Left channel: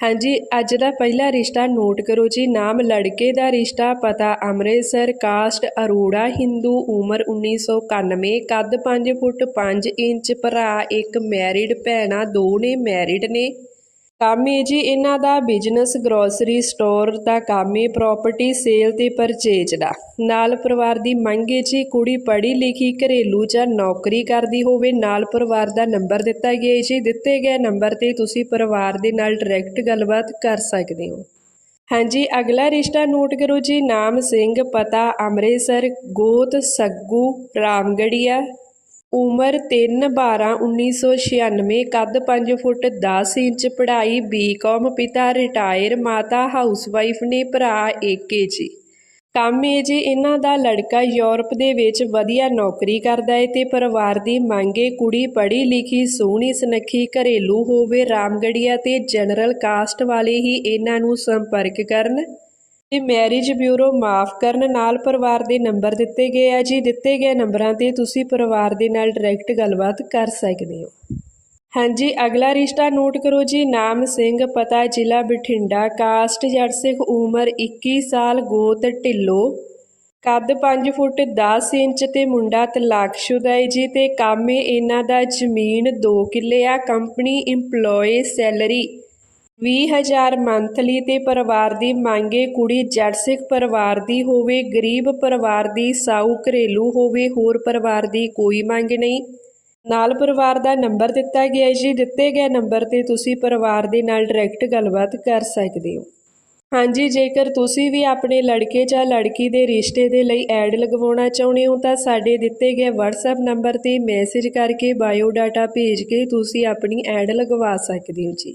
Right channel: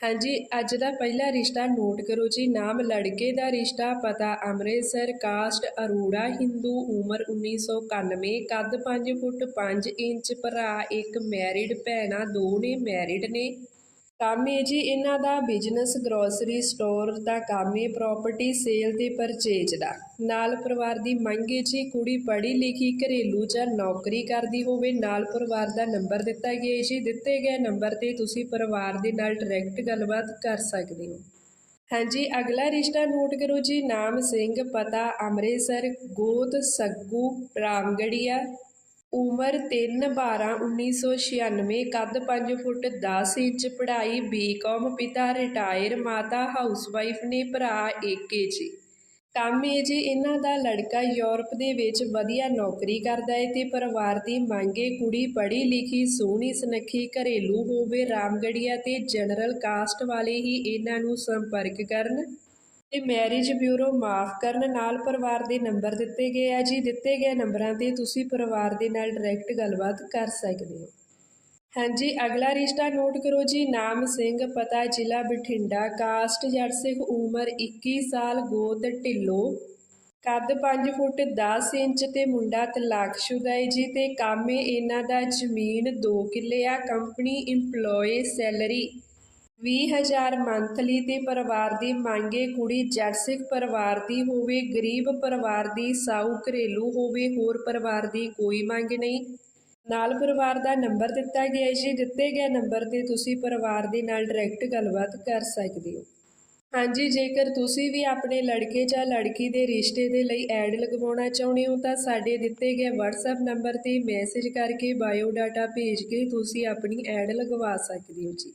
ਹਾਂਜੀ, ਅੱਜ ਦਾ ਪਹਿਲਾ ਰਿਸ਼ਤਾ ਨੋਟ ਕਰੋ ਜੀ। ਨਾਮ ਲੜਕੇ ਦਾ ਰਿਸ਼ਤਾ, ਪਤਾ ਅੰਮ੍ਰਿਤਸਰ, ਕਾਸਟ ਅਰੋੜਾ, ਹਿੰਦੂ, ਉਮਰ 1991 ਕੱਦ 5 ਫੁੱਟ 5 ਇੰਚ, ਭਰਾ ਇੱਕ ਮੈਰਿਡ ਭੈਣਾਂ ਦੋ ਨੇ ਮੈਰਿਡ ਨੇ। ਕੰਮ ਹੈ ਜੀ ਇਹਨਾਂ ਦਾ ਬਿਜ਼ਨਸ ਗਰੋਸਰੀ ਸਟੋਰ ਦਾ ਕੰਮ ਹੈ ਪ੍ਰਾਪਰਟੀ ਸੇਲ ਤੇ ਪਰਚੇਜ ਦਾ। ਨਾਲ ਪਰਿਵਾਰ ਦੀ ਮੰਗ ਹੈ ਜੀ ਕੁੜੀ ਪੜ੍ਹੀ ਲਿਖੀ ਘਰੇਲੂ ਜਾਂ ਨੌਕਰੀ ਕਰਦੀ ਹੋਵੇ, ਨਾਲ ਪਰਿਵਾਰ ਦਾ ਨੰਬਰ ਦਿੱਤਾ ਗਿਆ ਹੈ ਜੀ। ਦਿੱਤੇ ਗਏ ਨੰਬਰ ਤੇ ਤੁਸੀਂ ਪਰਿਵਾਰ ਦੇ ਨਾਲ ਡਾਇਰੈਕਟ ਗੱਲਬਾਤ ਕਰ ਸਕਦੇ ਹੋ। ਹਾਂਜੀ, ਅਗਲਾ ਰਿਸ਼ਤਾ ਨੋਟ ਕਰੋ ਜੀ। ਨਾਮ ਸਿੰਘ, ਪਤਾ, ਅੰਮ੍ਰਿਤਸਰ, ਗੋਤ, ਸੱਗੂ, ਰਾਮਗੜੀਆ ਉਮਰ 3 12 1996 ਕੱਦ ਪੰਜ ਫੁੱਟ ਦਸ ਇੰਚ, ਪੜ੍ਹਾਈ ਬੀ ਕੌਮ ਪਿਤਾ ਰਿਟਾਇਰ ਮਾਤਾ ਹਾਊਸਵਾਈਫ ਨੇ ਭਰਾ ਏਕੇ ਜੀ ਕੰਮ ਹੈ ਜੀ ਇਹਨਾਂ ਦਾ ਲੜਕਾ ਯੂਰਪ ਦੇ ਵਿੱਚ ਵਧੀਆ ਨੌਕਰੀ ਕਰਦਾ ਏ ਤੇ ਪਰਿਵਾਰ ਦੀ ਮੰਗੇ ਕੁੜੀ ਪੜ੍ਹੀ ਲਿਖੀ, ਸੋਹਣੀ ਸੁਨੱਖੀ, ਘਰੇਲੂ ਹੋਵੇ ਰਾਮਗੜੀਆ ਤੇ ਜਨਰਲ ਕਾਸਟ ਵਾਲੇ ਹੀ ਇਹਨਾਂ ਨੂੰ ਸੰਪਰਕ ਕਰਨ। ਤੇ ਮੈਰਿਜ ਬਿਊਰੋ ਮਾਫ ਕਰਨ ਨਾਲ ਪਰਿਵਾਰ ਦੇ ਨੰਬਰ ਦਿੱਤੇ ਗਏ ਆ ਜੀ। ਦਿੱਤੇ ਗਏ ਨੰਬਰਾਂ ਤੇ ਤੁਸੀਂ ਪਰਿਵਾਰ ਦੇ ਨਾਲ ਡਾਇਰੈਕਟ ਗੱਲਬਾਤ ਕਰ ਸਕਦੇ ਹੋ। ਹਾਂਜੀ, ਅਗਲਾ ਰਿਸ਼ਤਾ ਨੋਟ ਕਰੋ ਜੀ। ਨਾਮ ਸਿੰਘ, ਪਤਾ ਜ਼ਿਲ੍ਹਾ ਬਠਿੰਡਾ ਕਾਸਟ ਜੱਟ ਸਿੱਖ ਉਮਰ 21 ਸਾਲ, ਗੋਤ ਢਿੱਲੋ। ਕੱਦ 5 ਫੁੱਟ 10 ਇੰਚ ਤੇ ਮੁੰਡਾ ਤਲਾਕਸ਼ੁਦਾ ਹੈ ਜੀ ਤੇ ਕਾਮੇ ਇਹਨਾਂ ਦਾ ਜ਼ਮੀਨ 2 ਕਿੱਲੇ ਆ। ਕੰਪਨੀ EMPLOYE ਸੈਲਰੀ 20000 ਮੰਥਲੀ ਤੇ ਪਰਿਵਾਰ ਦੀ ਮੰਗੇ ਕੁੜੀ ਜੱਟ ਸਿੱਖ ਪਰਿਵਾਰ ਦੀ ਹੋਵੇ, ਗਰੀਬ ਪਰਿਵਾਰ ਦੀ ਸਾਊ ਘਰੇਲੂ ਹੋਵੇ, ਹੋਰ ਪਰਿਵਾਰ ਦੀ ਕੋਈ ਮੰਗ ਨਹੀਂ। ਨਾਲ ਪਰਿਵਾਰ ਦਾ ਨੰਬਰ ਦਿੱਤਾ ਗਿਆ ਜੀ। ਦਿੱਤੇ ਗਏ ਨੰਬਰ ਤੇ ਤੁਸੀਂ ਪਰਿਵਾਰ ਦੇ ਨਾਲ ਡਾਇਰੈਕਟ ਗੱਲਬਾਤ ਕਰ ਸਕਦੇ ਹੋ। ਹਾਂਜੀ, ਜੇਕਰ ਤੁਸੀਂ ਵੀ ਆਪਣੇ ਲੜਕੇ ਜਾਂ ਲੜਕੀ ਦੇ ਰਿਸ਼ਤੇ ਦੇ ਲਈ ਐਡ ਲਗਵਾਉਣਾ ਚਾਹੁੰਦੇ ਹੋ, ਤਾਂ ਸਾਡੇ ਦਿੱਤੇ ਗਏ WhatsApp ਨੰਬਰ ਤੇ ਮੈਸੇਜ ਕਰਕੇ ਬਾਇਓ ਡਾਟਾ ਭੇਜ ਕੇ ਤੁਸੀਂ ਆਪਣੀ ਐਡ ਲਗਵਾ ਸਕਦੇ ਹੋ ਜੀ।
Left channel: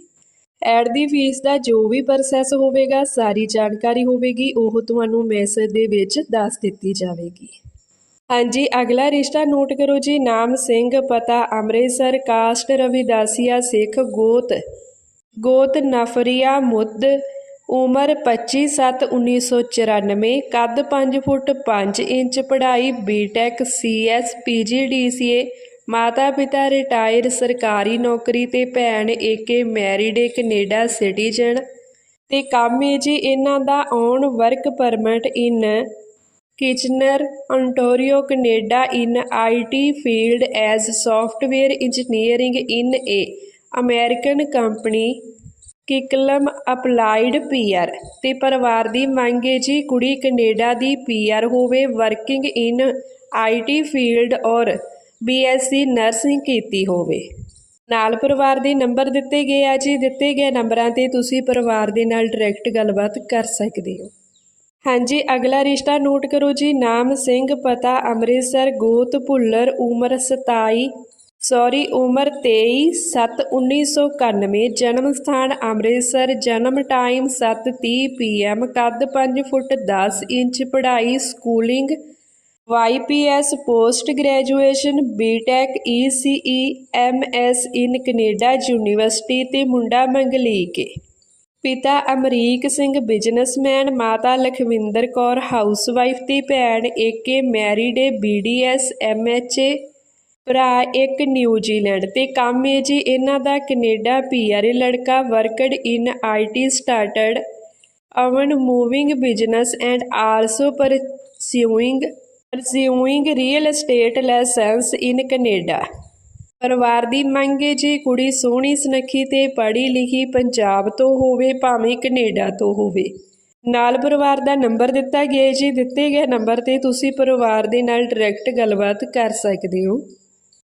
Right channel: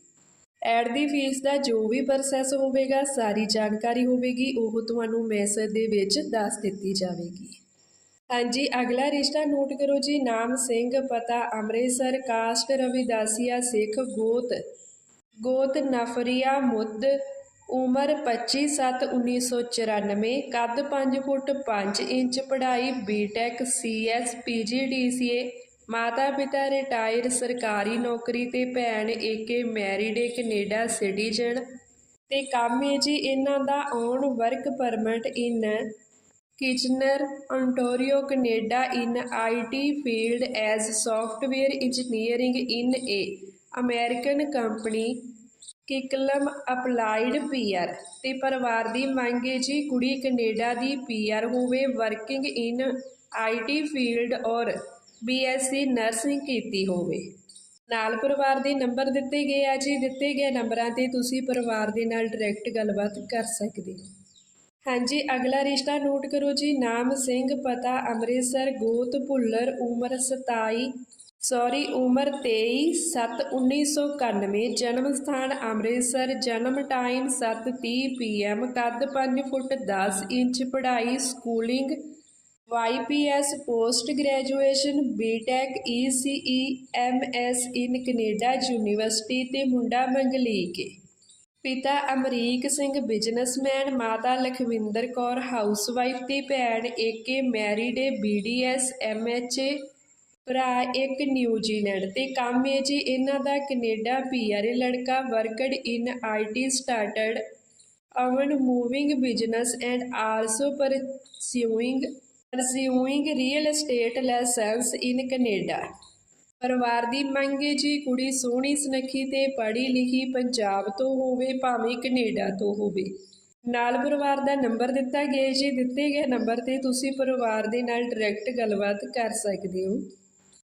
ਐਡ ਦੀ ਫੀਸ ਦਾ ਜੋ ਵੀ ਪ੍ਰੋਸੈਸ ਹੋਵੇਗਾ, ਸਾਰੀ ਜਾਣਕਾਰੀ ਹੋਵੇਗੀ, ਉਹ ਤੁਹਾਨੂੰ ਮੈਸੇਜ ਦੇ ਵਿੱਚ ਦੱਸ ਦਿੱਤੀ ਜਾਵੇਗੀ। ਹਾਂਜੀ, ਅਗਲਾ ਰਿਸ਼ਤਾ ਨੋਟ ਕਰੋ ਜੀ, ਨਾਮ ਸਿੰਘ, ਪਤਾ ਅੰਮ੍ਰਿਤਸਰ ਕਾਸਟ ਰਵਿਦਾਸੀਆ, ਸਿੱਖ, ਗੋਤ ਗੋਤ ਨਫਰੀਆ ਮੁੱਦ ਉਮਰ 25/7/1994 ਕੱਦ 5 ਫੁੱਟ 5 ਇੰਚ, ਪੜ੍ਹਾਈ ਬੀਟੈਕ ਸੀਐਸ ਪੀਜੀਡੀਸੀਏ ਮਾਤਾ ਪਿਤਾ ਰਿਟਾਇਰ ਸਰਕਾਰੀ ਨੌਕਰੀ ਤੇ ਭੈਣ ਏਕੇ ਮੈਰਿਡ ਏ ਕੈਨੇਡਾ ਸਿਟੀਜ਼ਨ ਤੇ ਕੰਮ ਹੈ ਜੀ ਇਹਨਾਂ ਦਾ on work permit in Kitchener ontario Canada in IT field as software engineering in a American company ਕਿਕਲਮ applied PR ਤੇ ਪਰਿਵਾਰ ਦੀ ਮੰਗ ਹੈ ਜੀ ਕੁੜੀ ਕੈਨੇਡਾ ਦੀ ਪੀਆਰ ਹੋਵੇ ਵਰਕਿੰਗ ਇਨ ਆਈਟੀ ਫੀਲਡ ਔਰ ਬੀਐਸਸੀ ਨਰਸਿੰਗ ਕੀਤੀ ਹੋਵੇ। ਨਾਲ ਪਰਿਵਾਰ ਦੇ ਨੰਬਰ ਦਿੱਤੇ ਗਏ ਆ ਜੀ। ਦਿੱਤੇ ਗਏ ਨੰਬਰਾਂ ਤੇ ਤੁਸੀਂ ਪਰਿਵਾਰ ਦੇ ਨਾਲ ਡਾਇਰੈਕਟ ਗੱਲਬਾਤ ਕਰ ਸਕਦੇ ਹੋ। ਹਾਂਜੀ, ਅਗਲਾ ਰਿਸ਼ਤਾ ਨੋਟ ਕਰੋ ਜੀ। ਨਾਮ ਸਿੰਘ, ਪਤਾ ਅੰਮ੍ਰਿਤਸਰ, ਗੋਤ, ਭੁੱਲਰ, ਉਮਰ 27 ਸੌਰੀ ਉਮਰ 23 7 1991 ਜਨਮ ਸਥਾਨ ਅੰਮ੍ਰਿਤਸਰ, ਜਨਮ ਟਾਈਮ 7:30 ਪੀਐਮ ਕੱਦ 5 ਫੁੱਟ 10 ਇੰਚ, ਪੜ੍ਹਾਈ schooling YPS post graduation BTech ECE MS in Canada university ਤੇ ਮੁੰਡਾ ਮੰਗਲੀਕ ਪਿਤਾ ਅਮਰੀਕ ਸਿੰਘ, ਬਿਜ਼ਨਸਮੈਨ, ਮਾਤਾ ਲਖਵਿੰਦਰ ਕੌਰ, ਹਾਊਸਵਾਈਫ ਤੇ ਭੈਣ ਏਕੇ ਮੈਰਿਡ ਏ BDS MHA ਭਰਾ ਇੱਕ ਨਿਊਜ਼ੀਲੈਂਡ ਤੇ ਕੰਮ ਏ ਜੀ। ਇਹਨਾਂ ਦਾ ਕੈਨੇਡਾ ਪੀਆਰ ਲੜਕਾ, worked in IT started own moving business and also pursuing pursuing real estate license in Canada ਪਰਿਵਾਰ ਦੀ ਮੰਗ ਹੈ ਜੀ ਕੁੜੀ ਸੋਹਣੀ, ਸੁਨੱਖੀ ਤੇ ਪੜ੍ਹੀ ਲਿਖੀ ਪੰਜਾਬ ਤੋਂ ਹੋਵੇ, ਭਾਵੇਂ ਕੈਨੇਡਾ ਤੋਂ ਹੋਵੇ। ਨਾਲ ਪਰਿਵਾਰ ਦਾ ਨੰਬਰ ਦਿੱਤਾ ਗਿਆ ਜੀ ਦਿੱਤੇ ਗਏ ਨੰਬਰ ਤੇ ਤੁਸੀਂ ਪਰਿਵਾਰ ਦੇ ਨਾਲ ਡਾਇਰੈਕਟ ਗੱਲਬਾਤ ਕਰ ਸਕਦੇ ਹੋ।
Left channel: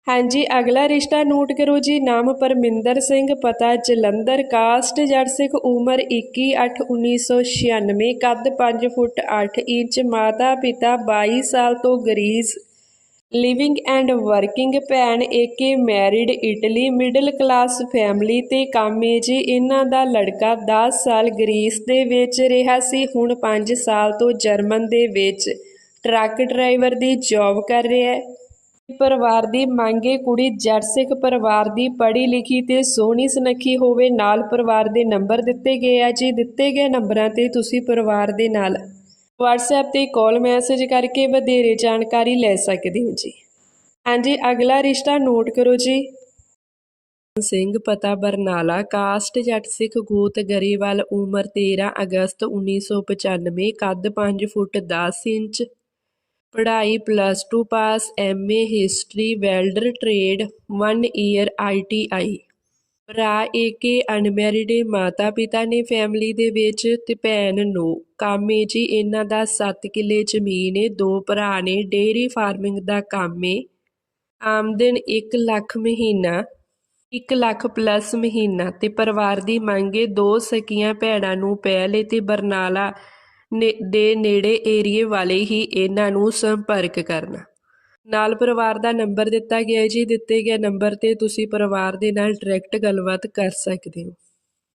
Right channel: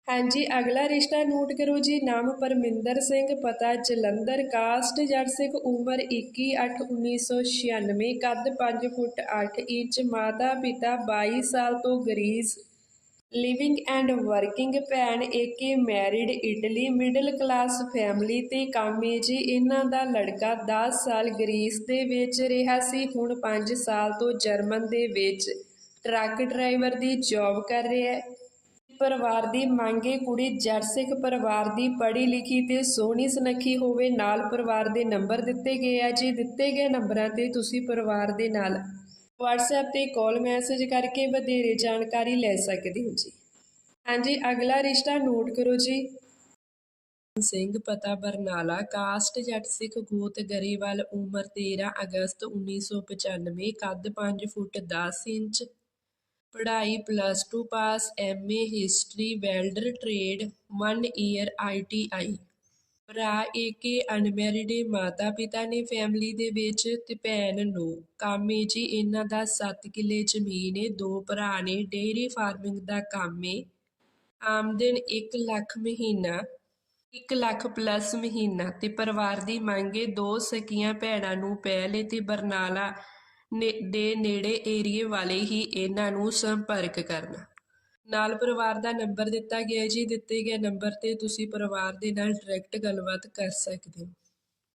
ਹਾਂਜੀ, ਅਗਲਾ ਰਿਸ਼ਤਾ ਨੋਟ ਕਰੋ ਜੀ। ਨਾਮ ਪਰਮਿੰਦਰ ਸਿੰਘ, ਪਤਾ ਜਲੰਧਰ। ਕਾਸਟ ਜੱਟ ਸਿੱਖ, ਉਮਰ 21/8/1996 ਕੱਦ 5 ਫੁੱਟ 8 ਇੰਚ, ਮਾਤਾ ਪਿਤਾ 22 ਸਾਲ ਤੋਂ ਗਰੀਸ। ਲਿਵਿੰਗ ਐਂਡ ਵਰਕਿੰਗ ਭੈਣ, ਏਕੇ married, Italy, middle class family ਤੇ ਕਾਮੇ ਜੀ। ਇਹਨਾਂ ਦਾ ਲੜਕਾ 10 ਸਾਲ ਗਰੀਸ ਦੇ ਵਿੱਚ ਰਿਹਾ ਸੀ, ਹੁਣ 5 ਸਾਲ ਤੋਂ ਜਰਮਨ ਦੇ ਵਿੱਚ। ਟਰੱਕ ਡਰਾਈਵਰ ਦੀ ਜੌਬ ਕਰ ਰਿਹਾ ਹੈ। ਪਰਿਵਾਰ ਦੀ ਮੰਗੇ ਕੁੜੀ ਜੱਟ ਸਿੱਖ ਪਰਿਵਾਰ ਦੀ ਪੜ੍ਹੀ ਲਿਖੀ ਤੇ ਸੋਹਣੀ ਸੁਨੱਖੀ ਹੋਵੇ ਨਾਲ ਪਰਿਵਾਰ ਦੇ ਨੰਬਰ ਦਿੱਤੇ ਗਏ ਆ ਜੀ। ਦਿੱਤੇ ਗਏ ਨੰਬਰਾਂ ਤੇ ਤੁਸੀਂ ਪਰਿਵਾਰ ਦੇ ਨਾਲ WhatsApp ਤੇ ਕਾਲ ਮੈਸੇਜ ਕਰਕੇ ਵਧੇਰੇ ਜਾਣਕਾਰੀ ਲੈ ਸਕਦੇ ਹੋ ਜੀ। ਹਾਂਜੀ, ਅਗਲਾ ਰਿਸ਼ਤਾ ਨੋਟ ਕਰੋ ਜੀ। ਸਿੰਘ ਪਤਾ ਬਰਨਾਲਾ, ਕਾਸਟ ਜੱਟ ਸਿੱਖ ਗੋਤ ਗਰੇਵਾਲ, ਉਮਰ 13 ਅਗਸਤ 1995 ਕੱਦ 5 ਫੁੱਟ 10 ਇੰਚ ਪੜ੍ਹਾਈ plus two pass M A history welder trade 1 year I T I ਭਰਾ ਏਕੇ ਅਨਮੈਰਿਡ ਮਾਤਾ ਪਿਤਾ ਨੇ ਫੈਮਿਲੀ ਦੇ ਵਿੱਚ ਤੇ ਭੈਣ ਨੂੰ। ਕੰਮ ਏ ਜੀ ਇਹਨਾਂ ਦਾ 7 ਕਿੱਲੇ ਜ਼ਮੀਨ ਏ, ਦੋ ਭਰਾ ਨੇ ਡੇਅਰੀ ਫਾਰਮਿੰਗ ਦਾ ਕੰਮ ਏ। ਆਮਦਨ 1 ਲੱਖ ਮਹੀਨਾ 1 ਲੱਖ ਪਲੱਸ ਮਹੀਨਾ ਤੇ ਪਰਿਵਾਰ ਦੀ ਮੰਗ ਏ, ਦੋ ਸਕੀਆਂ ਭੈਣਾਂ ਨੂੰ ਪਹਿਲੇ ਤੇ ਬਰਨਾਲਾ ਦੇ ਨੇੜੇ ਏਰੀਏ ਵਾਲੇ ਹੀ ਇਹਨਾਂ ਨੂੰ ਸੰਪਰਕ ਕਰਨਾ। ਨਾਲ ਪਰਿਵਾਰ ਦਾ ਨੰਬਰ ਦਿੱਤਾ ਗਿਆ ਹੈ ਜੀ। ਦਿੱਤੇ ਗਏ ਨੰਬਰ ਤੇ ਤੁਸੀਂ ਪਰਿਵਾਰ ਦੇ ਨਾਲ ਡਾਇਰੈਕਟ ਗੱਲਬਾਤ ਕਰ ਸਕਦੇ ਹੋ।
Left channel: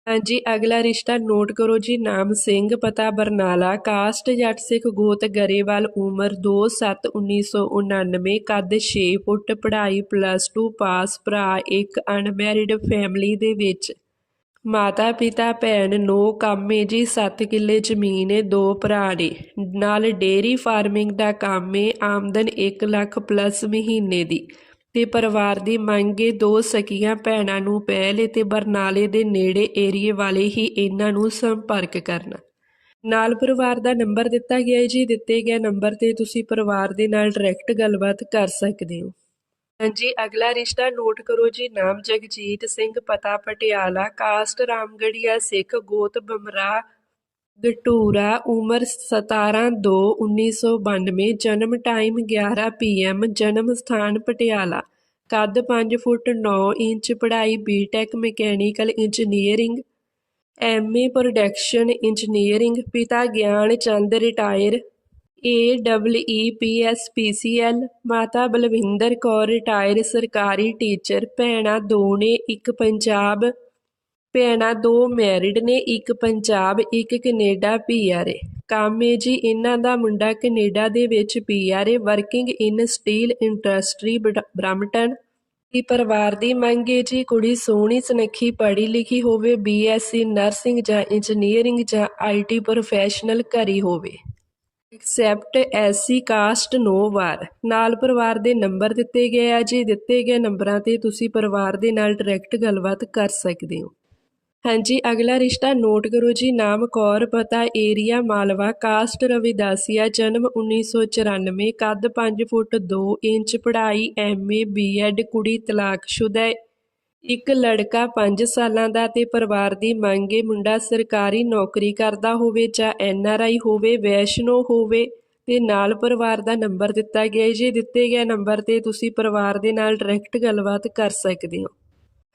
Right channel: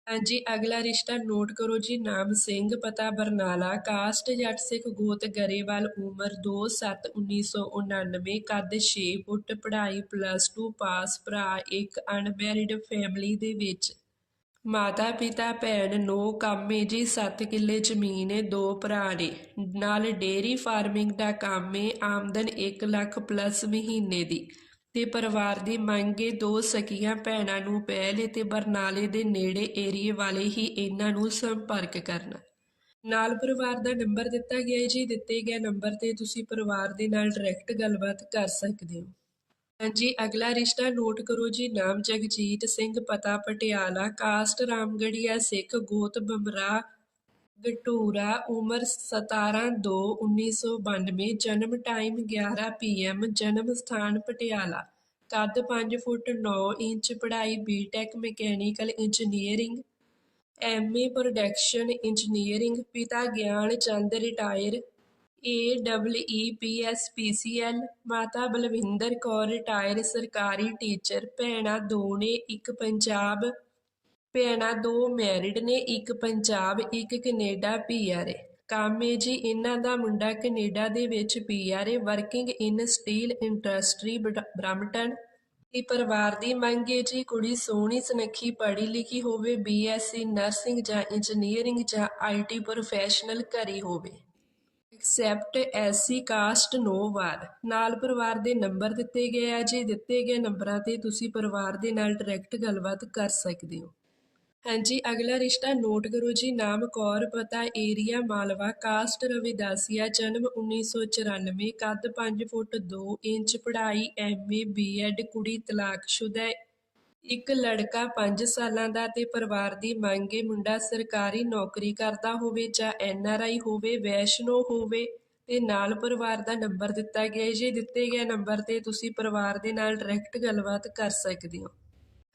ਹਾਂਜੀ, ਅਗਲਾ ਰਿਸ਼ਤਾ ਨੋਟ ਕਰੋ ਜੀ। ਨਾਮ ਸਿੰਘ, ਪਤਾ ਬਰਨਾਲਾ, ਕਾਸਟ ਜੱਟ ਸਿੱਖ ਗੋਤ, ਗਰੇਵਾਲ, ਉਮਰ 2/7/1999 ਕੱਦ 6 ਫੁੱਟ ਪੜ੍ਹਾਈ ਪਲੱਸ 2 ਪਾਸ ਭਰਾ, ਇੱਕ ਅਨਮੈਰਿਡ ਫੈਮਿਲੀ ਦੇ ਵਿੱਚ ਮਾਤਾ, ਪਿਤਾ, ਭੈਣ ਨੋ ਕੰਮੇ ਜੀ 7 ਕਿੱਲੇ ਜ਼ਮੀਨ ਏ, ਦੋ ਭਰਾ ਨੇ। ਨਾਲ ਡੇਅਰੀ ਫਾਰਮਿੰਗ ਦਾ ਕੰਮ ਏ, ਆਮਦਨ 1 ਲੱਖ ਪਲੱਸ ਮਹੀਨੇ ਦੀ। ਤੇ ਪਰਿਵਾਰ ਦੀ ਮੰਗੇ ਦੋ ਸਕੀਆਂ ਭੈਣਾਂ ਨੂੰ ਪਹਿਲੇ ਤੇ ਬਰਨਾਲੇ ਦੇ ਨੇੜੇ ਏਰੀਏ ਵਾਲੇ ਹੀ ਇਹਨਾਂ ਨੂੰ ਸੰਪਰਕ ਕਰਨਾ। ਨਾਲ ਪਰਿਵਾਰ ਦਾ ਨੰਬਰ ਦਿੱਤਾ ਗਿਆ ਹੈ ਜੀ। ਦਿੱਤੇ ਗਏ ਨੰਬਰ ਤੇ ਤੁਸੀਂ ਪਰਿਵਾਰ ਦੇ ਨਾਲ ਡਾਇਰੈਕਟ ਗੱਲਬਾਤ ਕਰ ਸਕਦੇ ਹੋ। ਹਾਂਜੀ, ਅਗਲਾ ਰਿਸ਼ਤਾ ਨੋਟ ਕਰੋ ਜੀ, ਨਾਮ ਜਗਜੀਤ ਸਿੰਘ, ਪਤਾ ਪਟਿਆਲਾ, ਕਾਸਟ ਰਾਮਗੜੀਆ, ਸਿੱਖ ਗੋਤ ਬਮਰਾ ਗਟੂਰਾ, ਉਮਰ 17/2/1992 ਜਨਮ ਟਾਈਮ 11 ਪੀਐਮ ਜਨਮ ਸਥਾਨ ਪਟਿਆਲਾ। ਕੱਦ 5 ਫੁੱਟ 9 ਇੰਚ, ਪੜ੍ਹਾਈ BTech mechanical engineering MA production engineering ਪਿਤਾ Gian Chand, retire A double E P S P C L ਮਾਤਾ ਬਲਵਿੰਦਰ ਕੌਰ ਰਿਟਾਇਰ ਸਰਕਾਰੀ ਟੀਚਰ ਭੈਣਾਂ ਦੋ ਨੇ, ਇੱਕ ਪੰਜਾਬ। ਭੈਣਾਂ ਦੋ ਮੈਰਿਡ ਨੇ, ਇੱਕ ਪੰਜਾਬ, ਇੱਕ ਕੈਨੇਡਾ ਏ ਕੰਮ ਏ ਜੀ, ਇਹਨਾਂ ਦਾ ਮੁੰਡਾ ਕੈਨੇਡਾ ਦੇ ਵਿੱਚ ਪੀਆਰਏ working in steel industry Brampton ਦੀ ਪਰਿਵਾਰ ਦੀ ਮੰਗ ਏ ਜੀ, ਕੁੜੀ ਸੋਹਣੀ, ਸੁਨੱਖੀ, ਪੜ੍ਹੀ ਲਿਖੀ ਹੋਵੇ ਬੀਐਸਸੀ ਨਰਸਿੰਗ ਜਾਂ ਇੰਜੀਨੀਅਰਿੰਗ ਜਾਂ ਆਈਟੀ ਪ੍ਰੋਫੈਸ਼ਨਲ ਕਰੀ ਹੋਵੇ। Accept SC caste no bar. ਨਾਲ ਪਰਿਵਾਰ ਦੇ ਨੰਬਰ ਦਿੱਤੇ ਗਏ ਆ ਜੀ। ਦਿੱਤੇ ਗਏ ਨੰਬਰਾਂ ਤੇ ਤੁਸੀਂ ਪਰਿਵਾਰ ਦੇ ਨਾਲ ਡਾਇਰੈਕਟ ਗੱਲਬਾਤ ਕਰ ਸਕਦੇ ਹੋ। ਹਾਂਜੀ, ਅਗਲਾ ਰਿਸ਼ਤਾ ਨੋਟ ਕਰੋ ਜੀ। ਨਾਮ ਕੌਰ, ਪਤਾ ਏਰੀਆ, ਮਾਲਵਾ, ਕਾਸਟ ਰਵਿਦਾਸੀਆ, ਜਨਮ 1994 ਕੱਦ 5 ਫੁੱਟ 2 ਇੰਚ, ਪੜ੍ਹਾਈ ਐਮਏ ਬੀਐਡ ਕੁੜੀ ਤਲਾਕਸ਼ੁਦਾ ਇੱਕ ਲੜਕਾ 5 ਸਾਲਾਂ ਦਾ ਤੇ ਪਰਿਵਾਰ ਦੀ ਮੰਗੇ ਮੁੰਡਾ ਸਰਕਾਰੀ ਨੌਕਰੀ ਕਰਦਾ ਹੋਵੇ ਜਾਂ ਐੱਨ ਆਰ ਆਈ ਹੋਵੇ, ਵੈਸ਼ਨੋ ਹੋਵੇ, ਤੇ ਨਾਲ ਪਰਿਵਾਰ ਦਾ ਨੰਬਰ ਦਿੱਤਾ ਗਿਆ ਜੇ ਦਿੱਤੇ ਗਏ ਨੰਬਰ ਤੇ ਤੁਸੀਂ ਪਰਿਵਾਰ ਦੇ ਨਾਲ ਡਾਇਰੈਕਟ ਗੱਲਬਾਤ ਕਰ ਸਕਦੇ ਹੋ।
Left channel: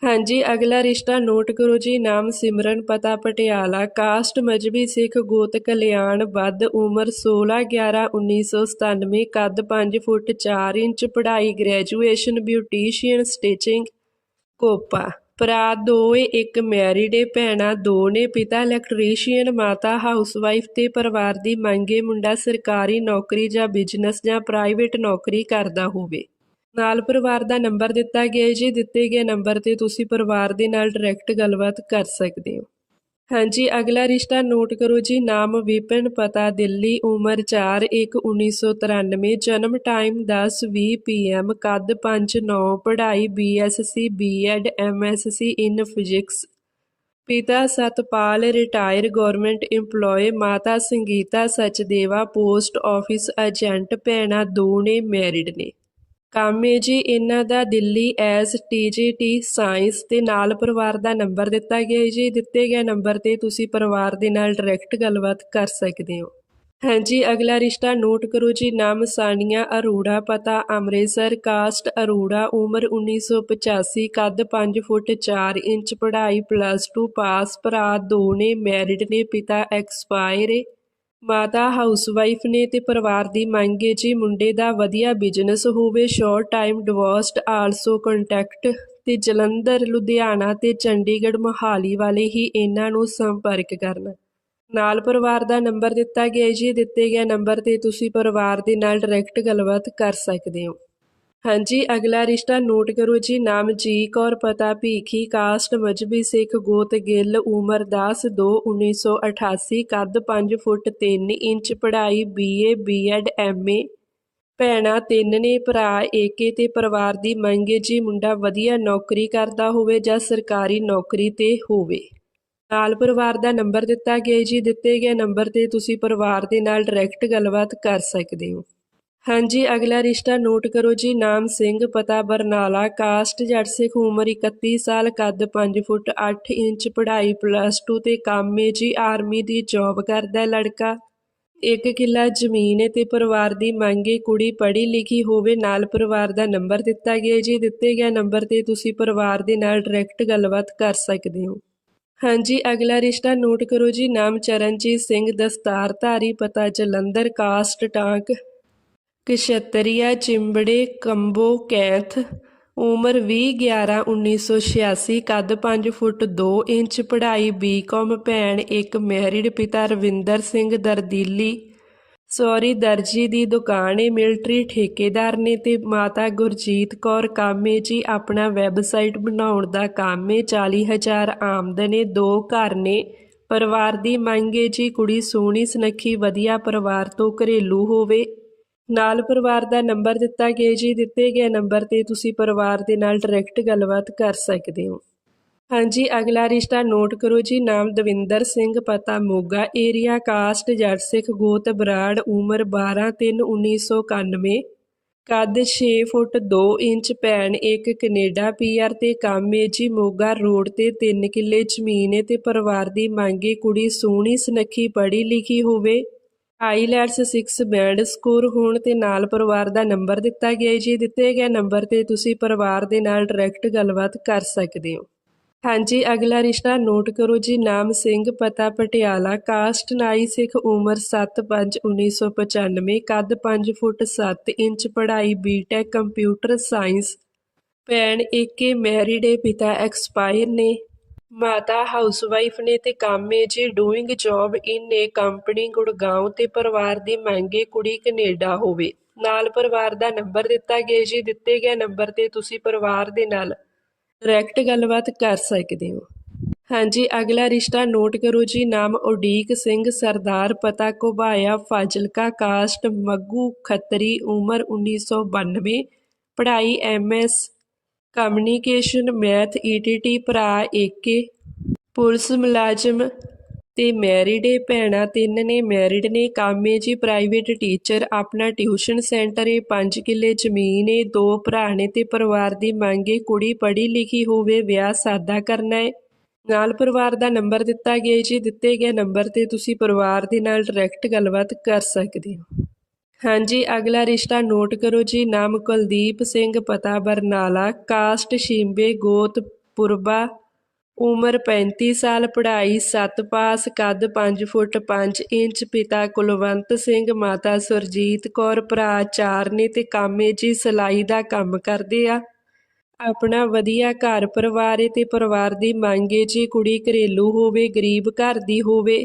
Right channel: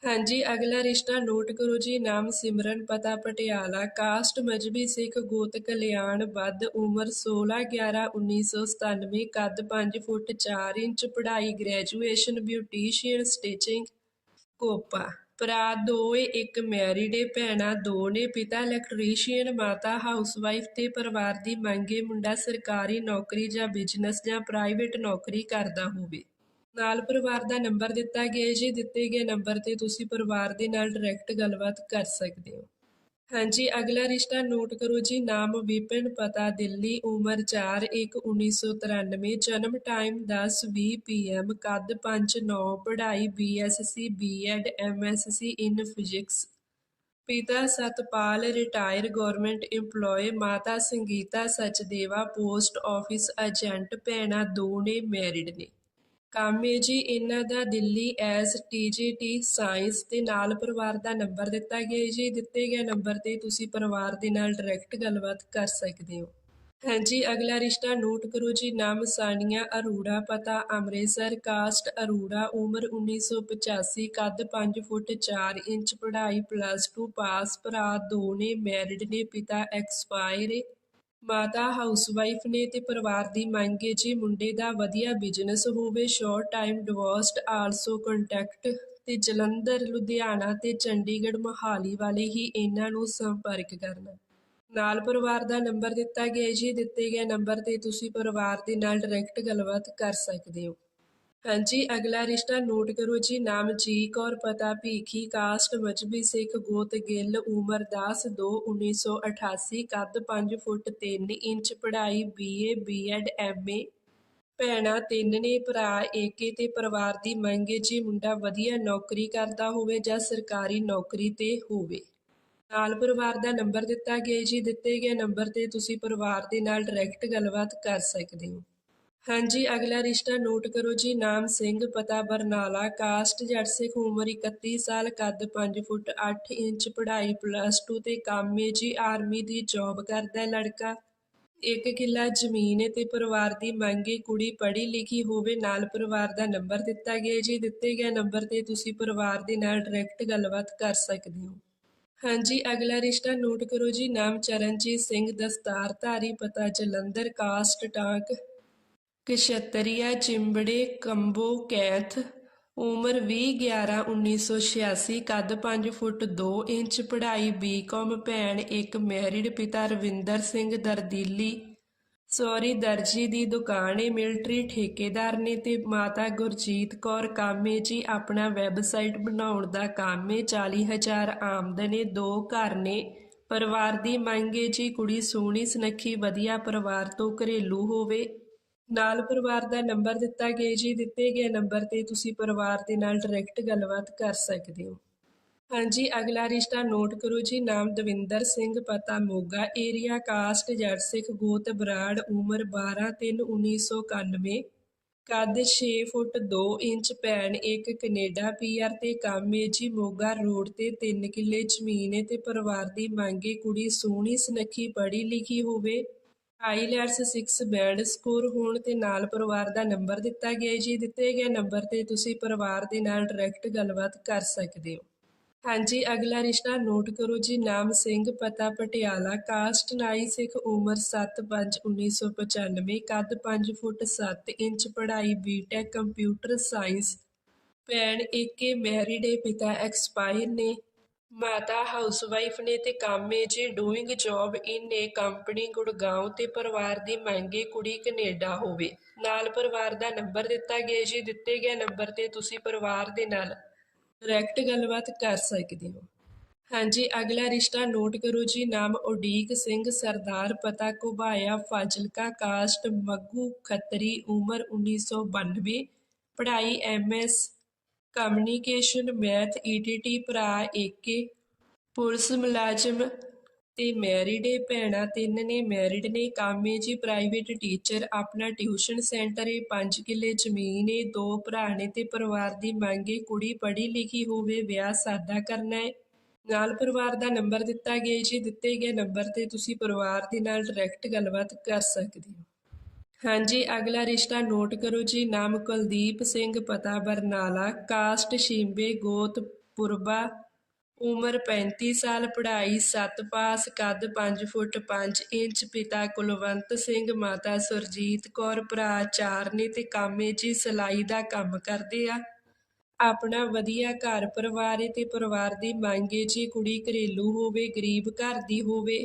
ਹਾਂਜੀ, ਅਗਲਾ ਰਿਸ਼ਤਾ ਨੋਟ ਕਰੋ ਜੀ। ਨਾਮ ਸਿਮਰਨ, ਪਤਾ ਪਟਿਆਲਾ। ਕਾਸਟ ਮਜਬੀ ਸਿੱਖ ਗੋਤ ਕਲਿਆਣ। ਵੱਧ ਉਮਰ 16 11 1997 ਕੱਦ 5 ਫੁੱਟ 4 ਇੰਚ। ਪੜ੍ਹਾਈ ਗ੍ਰੈਜੂਏਸ਼ਨ ਬਿਊਟੀਸ਼ੀਅਨ ਸਟਿਚਿੰਗ। ਕੋਪਾ। ਭਰਾ ਦੋ ਏ ਇੱਕ ਮੈਰਿਡ ਏ ਭੈਣਾਂ ਦੋ ਨੇ ਪਿਤਾ ਇਲੈਕਟ੍ਰੀਸ਼ੀਅਨ, ਮਾਤਾ ਹਾਊਸਵਾਈਫ ਤੇ ਪਰਿਵਾਰ ਦੀ ਮੰਗੇ ਮੁੰਡਾ ਸਰਕਾਰੀ ਨੌਕਰੀ ਜਾਂ ਬਿਜ਼ਨਸ ਜਾਂ ਪ੍ਰਾਈਵੇਟ ਨੌਕਰੀ ਕਰਦਾ ਹੋਵੇ। ਨਾਲ ਪਰਿਵਾਰ ਦਾ ਨੰਬਰ ਦਿੱਤਾ ਗਿਆ ਜੀ ਦਿੱਤੇ ਗਏ ਨੰਬਰ ਤੇ ਤੁਸੀਂ ਪਰਿਵਾਰ ਦੇ ਨਾਲ ਡਾਇਰੈਕਟ ਗੱਲਬਾਤ ਕਰ ਸਕਦੇ ਹੋ। ਹਾਂਜੀ, ਅਗਲਾ ਰਿਸ਼ਤਾ ਨੋਟ ਕਰੋ ਜੀ। ਨਾਮ ਵਿਪਨ ਪਤਾ, ਦਿੱਲੀ, ਉਮਰ 4 1 1993 ਜਨਮ ਟਾਈਮ 10 20 ਪੀਐਮ ਕੱਦ 5 9 ਪੜ੍ਹਾਈ BSc BEd MSc in physics. ਪਿਤਾ ਸਤਪਾਲ, ਰਿਟਾਇਰ ਗਵਰਨਮੈਂਟ EMPLOYE ਮਾਤਾ Sangeeta, Sachdeva, post office, agent, ਭੈਣਾਂ ਦੋ ਨੇ ਮੈਰਿਡ ਨੇ। ਕੰਮ ਏ ਜੀ, ਇਹਨਾਂ ਦਾ ਦਿੱਲੀ ਐਸ ਟੀਜੀਟੀ ਸਾਇੰਸ ਤੇ ਨਾਲ ਪਰਿਵਾਰ ਦਾ ਨੰਬਰ ਦਿੱਤਾ ਗਿਆ ਜੀ। ਦਿੱਤੇ ਗਏ ਨੰਬਰ ਤੇ ਤੁਸੀਂ ਪਰਿਵਾਰ ਦੇ ਨਾਲ ਡਾਇਰੈਕਟ ਗੱਲਬਾਤ ਕਰ ਸਕਦੇ ਹੋ। ਹਾਂਜੀ, ਅਗਲਾ ਰਿਸ਼ਤਾ ਨੋਟ ਕਰੋ ਜੀ। ਨਾਮ ਸਾਨੀਆ ਅਰੋੜਾ, ਪਤਾ ਅੰਮ੍ਰਿਤਸਰ ਕਾਸਟ ਅਰੂੜਾ, ਉਮਰ 1985 ਕੱਦ 5 ਫੁੱਟ 4 ਇੰਚ, ਪੜ੍ਹਾਈ ਪਲੱਸ 2 ਪਾਸ ਭਰਾ ਦੋ ਨੇ ਮੈਰਿਡ ਨੇ, ਪਿਤਾ ਐਕਸਪਾਇਰ ਏ। ਮਾਤਾ ਹਾਊਸਵਾਈਫ ਨੇ ਤੇ ਪਰਿਵਾਰ ਦੀ ਮੰਗ ਹੈ ਜੀ ਮੁੰਡੇ ਦਾ ਵਧੀਆ ਬਿਜ਼ਨਸ ਹੋਵੇ short time divorced also contact ਤੇ ਜਲੰਧਰ, ਲੁਧਿਆਣਾ ਤੇ ਚੰਡੀਗੜ੍ਹ ਮੋਹਾਲੀ ਵਾਲੇ ਹੀ ਇਹਨਾਂ ਨੂੰ ਸੰਪਰਕ ਕਰਨ। ਨਾਲ ਪਰਿਵਾਰ ਦਾ ਨੰਬਰ ਦਿੱਤਾ ਗਿਆ ਜੀ, ਦਿੱਤੇ ਗਏ ਨੰਬਰ ਤੇ ਤੁਸੀਂ ਪਰਿਵਾਰ ਦੇ ਨਾਲ ਡਾਇਰੈਕਟ ਗੱਲਬਾਤ ਕਰ ਸਕਦੇ ਹੋ। ਹਾਂਜੀ, ਅਗਲਾ ਰਿਸ਼ਤਾ ਨੋਟ ਕਰੋ ਜੀ, ਨਾਮ ਜੀ, ਕੌਰ, ਪਤਾ, ਭੀਖੀ, ਕਾਸਟ ਮਜਬੀ ਸਿੱਖ, ਗੋਤ, ਗਿੱਲ, ਉਮਰ 10 2 1988 ਕੱਦ 5 ਫੁੱਟ 3 ਇੰਚ, ਪੜ੍ਹਾਈ ਬੀਏ ਬੀਐਡ ਐਮਏ ਭੈਣਾਂ ਤਿੰਨ ਨੇ, ਭਰਾ ਏਕੇ ਤੇ ਪਰਿਵਾਰ ਦੀ ਮੰਗ ਮੰਗੇ ਜੀ, ਮੁੰਡਾ ਵਧੀਆ ਨੌਕਰੀ ਕਰਦਾ ਹੋਵੇ ਜਾਂ ਸਰਕਾਰੀ ਨੌਕਰੀ ਤੇ ਹੋਵੇ। ਨਾਲ ਪਰਿਵਾਰ ਦਾ ਨੰਬਰ ਦਿੱਤਾ ਗਿਆ ਜੀ, ਦਿੱਤੇ ਗਏ ਨੰਬਰ ਤੇ ਤੁਸੀਂ ਪਰਿਵਾਰ ਦੇ ਨਾਲ ਡਾਇਰੈਕਟ ਗੱਲਬਾਤ ਕਰ ਸਕਦੇ ਹੋ। ਹਾਂਜੀ, ਅਗਲਾ ਰਿਸ਼ਤਾ ਨੋਟ ਕਰੋ ਜੀ, ਨਾਮ ਸਿੰਘ, ਪਤਾ ਬਰਨਾਲਾ, ਕਾਸਟ ਜੱਟ ਸਿੱਖ ਉਮਰ 31 ਸਾਲ, ਕੱਦ 5 ਫੁੱਟ 8 ਇੰਚ, ਪੜ੍ਹਾਈ ਪਲੱਸ 2 ਤੇ ਕੰਮ ਹੈ ਜੀ ਆਰਮੀ ਦੀ ਜੌਬ ਕਰਦਾ ਲੜਕਾ। ਇੱਕ ਕਿੱਲਾ ਜ਼ਮੀਨ ਹੈ ਤੇ ਪਰਿਵਾਰ ਦੀ ਮੰਗ ਹੈ ਕੁੜੀ ਪੜ੍ਹੀ ਲਿਖੀ ਹੋਵੇ, ਨਾਲ ਪਰਿਵਾਰ ਦਾ ਨੰਬਰ ਦਿੱਤਾ ਗਿਆ ਜੀ, ਦਿੱਤੇ ਗਿਆ ਨੰਬਰ ਤੇ ਤੁਸੀਂ ਪਰਿਵਾਰ ਦੇ ਨਾਲ ਡਾਇਰੈਕਟ ਗੱਲਬਾਤ ਕਰ ਸਕਦੇ ਹੋ। ਹਾਂਜੀ, ਅਗਲਾ ਰਿਸ਼ਤਾ ਨੋਟ ਕਰੋ ਜੀ, ਨਾਮ ਚਰਨਜੀਤ ਸਿੰਘ, ਦਸਤਾਰਧਾਰੀ, ਪਤਾ Jalandhar, caste, Tank. Kshatriya ਚਿੰਬੜੇ combo cath, ਉਮਰ 20 11 1986 ਕੱਦ 5 ਫੁੱਟ 2 ਇੰਚ, ਪੜ੍ਹਾਈ ਬੀਕਾਮ ਭੈਣ ਇੱਕ ਮੈਰਿਡ ਪਿਤਾ ਰਵਿੰਦਰ ਸਿੰਘ ਦਰਦੀਲੀ। ਸੌਰੀ, ਦਰਜੀ ਦੀ ਦੁਕਾਨ ਏ ਮਿਲਟਰੀ ਠੇਕੇਦਾਰ ਨੇ ਤੇ ਮਾਤਾ ਗੁਰਜੀਤ ਕੌਰ ਕਾਮੇ ਜੀ, ਆਪਣਾ ਵੈਬਸਾਈਟ ਬਣਾਉਣ ਦਾ ਕੰਮ ਏ 40000 ਆਮਦਨ ਏ, ਦੋ ਘਰ ਨੇ। ਪਰਿਵਾਰ ਦੀ ਮੰਗ ਏ ਜੀ, ਕੁੜੀ ਸੋਹਣੀ, ਸੁਨੱਖੀ, ਵਧੀਆ ਪਰਿਵਾਰ ਤੋਂ ਘਰੇਲੂ ਹੋਵੇ। ਨਾਲ ਪਰਿਵਾਰ ਦਾ ਨੰਬਰ ਦਿੱਤਾ ਗਿਆ ਜੀ। ਦਿੱਤੇ ਗਏ ਨੰਬਰ ਤੇ ਤੁਸੀਂ ਪਰਿਵਾਰ ਦੇ ਨਾਲ ਡਾਇਰੈਕਟ ਗੱਲਬਾਤ ਕਰ ਸਕਦੇ ਹੋ। ਹਾਂਜੀ, ਅਗਲਾ ਰਿਸ਼ਤਾ ਨੋਟ ਕਰੋ ਜੀ। ਨਾਮ ਦਵਿੰਦਰ ਸਿੰਘ, ਪਤਾ ਮੋਗਾ ਏਰੀਆ ਕਾਸਟ ਜੱਟ ਸਿੱਖ, ਗੋਤ ਬਰਾੜ, ਉਮਰ 12 3 1991 ਕੱਦ 6 ਫੁੱਟ 2 ਇੰਚ, ਭੈਣ ਇੱਕ ਕੈਨੇਡਾ ਪੀਆਰ ਤੇ ਕੰਮ ਏ ਜੀ। ਮੋਗਾ ਰੋਡ ਤੇ 3 ਕਿੱਲੇ ਜ਼ਮੀਨ ਏ ਤੇ ਪਰਿਵਾਰ ਦੀ ਮੰਗੇ ਕੁੜੀ ਸੋਹਣੀ, ਸੁਨੱਖੀ, ਪੜ੍ਹੀ ਲਿਖੀ ਹੋਵੇ। ਆਈਲੈਟਸ 6 ਬੈਂਡ ਸਕੋਰ ਹੋਣ ਤੇ ਨਾਲ ਪਰਿਵਾਰ ਦਾ ਨੰਬਰ ਦਿੱਤਾ ਗਿਆ ਜੀ ਦਿੱਤੇ ਗਏ ਨੰਬਰ ਤੇ ਤੁਸੀਂ ਪਰਿਵਾਰ ਦੇ ਨਾਲ ਡਾਇਰੈਕਟ ਗੱਲਬਾਤ ਕਰ ਸਕਦੇ ਹੋ। ਹਾਂਜੀ, ਅਗਲਾ ਰਿਸ਼ਤਾ ਨੋਟ ਕਰੋ ਜੀ। ਨਾਮ ਸਿੰਘ, ਪਤਾ ਪਟਿਆਲਾ, ਕਾਸਟ ਨਾਈ ਸਿੱਖ, ਉਮਰ 7/5/1995 ਕੱਦ 5 ਫੁੱਟ 7 ਇੰਚ, ਪੜ੍ਹਾਈ ਬੀਟੈਕ ਕੰਪਿਊਟਰ ਸਾਇੰਸ ਭੈਣ ਏਕੇ ਮੈਰਿਡ ਏ, ਪਿਤਾ ਐਕਸਪਾਇਰ ਨੇ। ਮਾਤਾ ਹਾਊਸਵਾਈਫ ਨੇ ਤੇ ਕੰਮ ਏ ਜੀ doing job in a company Gurgaon ਤੇ ਪਰਿਵਾਰ ਦੀ ਮੰਗੇ ਕੁੜੀ ਕੈਨੇਡਾ ਹੋਵੇ। ਨਾਲ ਪਰਿਵਾਰ ਦਾ ਨੰਬਰ ਦਿੱਤਾ ਗਿਆ ਜੀ। ਦਿੱਤੇ ਗਏ ਨੰਬਰ ਤੇ ਤੁਸੀਂ ਪਰਿਵਾਰ ਦੇ ਨਾਲ ਡਾਇਰੈਕਟ ਗੱਲਬਾਤ ਕਰ ਸਕਦੇ ਹੋ। ਹਾਂਜੀ, ਅਗਲਾ ਰਿਸ਼ਤਾ ਨੋਟ ਕਰੋ ਜੀ। ਨਾਮ ਉਡੀਕ ਸਿੰਘ, ਸਰਦਾਰ ਪਤਾ ਘੁਬਾਇਆ, ਫਾਜ਼ਿਲਕਾ ਕਾਸਟ, ਮੱਗੂ ਖੱਤਰੀ, ਉਮਰ 1992 ਪੜ੍ਹਾਈ ਐਮਐਸ ਕਮਿਊਨੀਕੇਸ਼ਨ, ਮੈਥ ਈਟੀਟੀ ਭਰਾ ਏਕੇ ਪੁਲਿਸ ਮੁਲਾਜ਼ਮ ਤੇ ਮੈਰਿਡ ਏ ਭੈਣਾਂ ਤਿੰਨ ਨੇ। ਮੈਰਿਡ ਨੇ ਕੰਮ ਏ ਜੀ ਪ੍ਰਾਈਵੇਟ ਟੀਚਰ, ਆਪਣਾ ਟਿਊਸ਼ਨ ਸੈਂਟਰ ਏ 5 ਕਿੱਲੇ ਜ਼ਮੀਨ ਏ, ਦੋ ਭਰਾ ਨੇ ਤੇ ਪਰਿਵਾਰ ਦੀ ਮੰਗ ਏ, ਕੁੜੀ ਪੜ੍ਹੀ ਲਿਖੀ ਹੋਵੇ, ਵਿਆਹ ਸਾਦਾ ਕਰਨਾ ਏ। ਨਾਲ ਪਰਿਵਾਰ ਦਾ ਨੰਬਰ ਦਿੱਤਾ ਗਿਆ ਜੀ, ਦਿੱਤੇ ਗਏ ਨੰਬਰ ਤੇ ਤੁਸੀਂ ਪਰਿਵਾਰ ਦੇ ਨਾਲ ਡਾਇਰੈਕਟ ਗੱਲਬਾਤ ਕਰ ਸਕਦੇ ਹੋ। ਹਾਂਜੀ, ਅਗਲਾ ਰਿਸ਼ਤਾ ਨੋਟ ਕਰੋ ਜੀ। ਨਾਮ ਕੁਲਦੀਪ ਸਿੰਘ, ਪਤਾ ਬਰਨਾਲਾ। ਕਾਸਟ ਸ਼ਿੰਬੇ, ਗੋਤ ਪੁਰਬਾ। ਉਮਰ 35 ਸਾਲ, ਪੜ੍ਹਾਈ 7 ਪਾਸ, ਕੱਦ 5 ਫੁੱਟ 5 ਇੰਚ, ਪਿਤਾ ਕੁਲਵੰਤ ਸਿੰਘ, ਮਾਤਾ ਸੁਰਜੀਤ ਕੌਰ, ਭਰਾ ਚਾਰ ਨੇ ਤੇ ਕਾਮੇ ਜੀ ਸਿਲਾਈ ਦਾ ਕੰਮ ਕਰਦੇ ਆ। ਆਪਣਾ ਵਧੀਆ ਘਰ ਪਰਿਵਾਰ ਏ ਤੇ ਪਰਿਵਾਰ ਦੀ ਮੰਗ ਏ ਜੀ। ਕੁੜੀ ਘਰੇਲੂ ਹੋਵੇ, ਗਰੀਬ ਘਰ ਦੀ ਹੋਵੇ।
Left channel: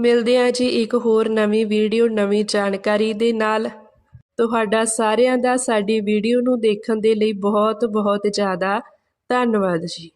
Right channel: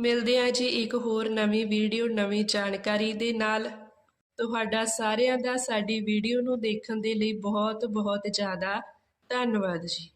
ਮਿਲਦੇ ਹਾਂ ਜੀ ਇੱਕ ਹੋਰ ਨਵੀਂ ਵੀਡੀਓ, ਨਵੀਂ ਜਾਣਕਾਰੀ ਦੇ ਨਾਲ। ਤੁਹਾਡਾ ਸਾਰਿਆਂ ਦਾ ਸਾਡੀ ਵੀਡੀਓ ਨੂੰ ਦੇਖਣ ਦੇ ਲਈ ਬਹੁਤ ਬਹੁਤ ਜ਼ਿਆਦਾ ਧੰਨਵਾਦ ਜੀ।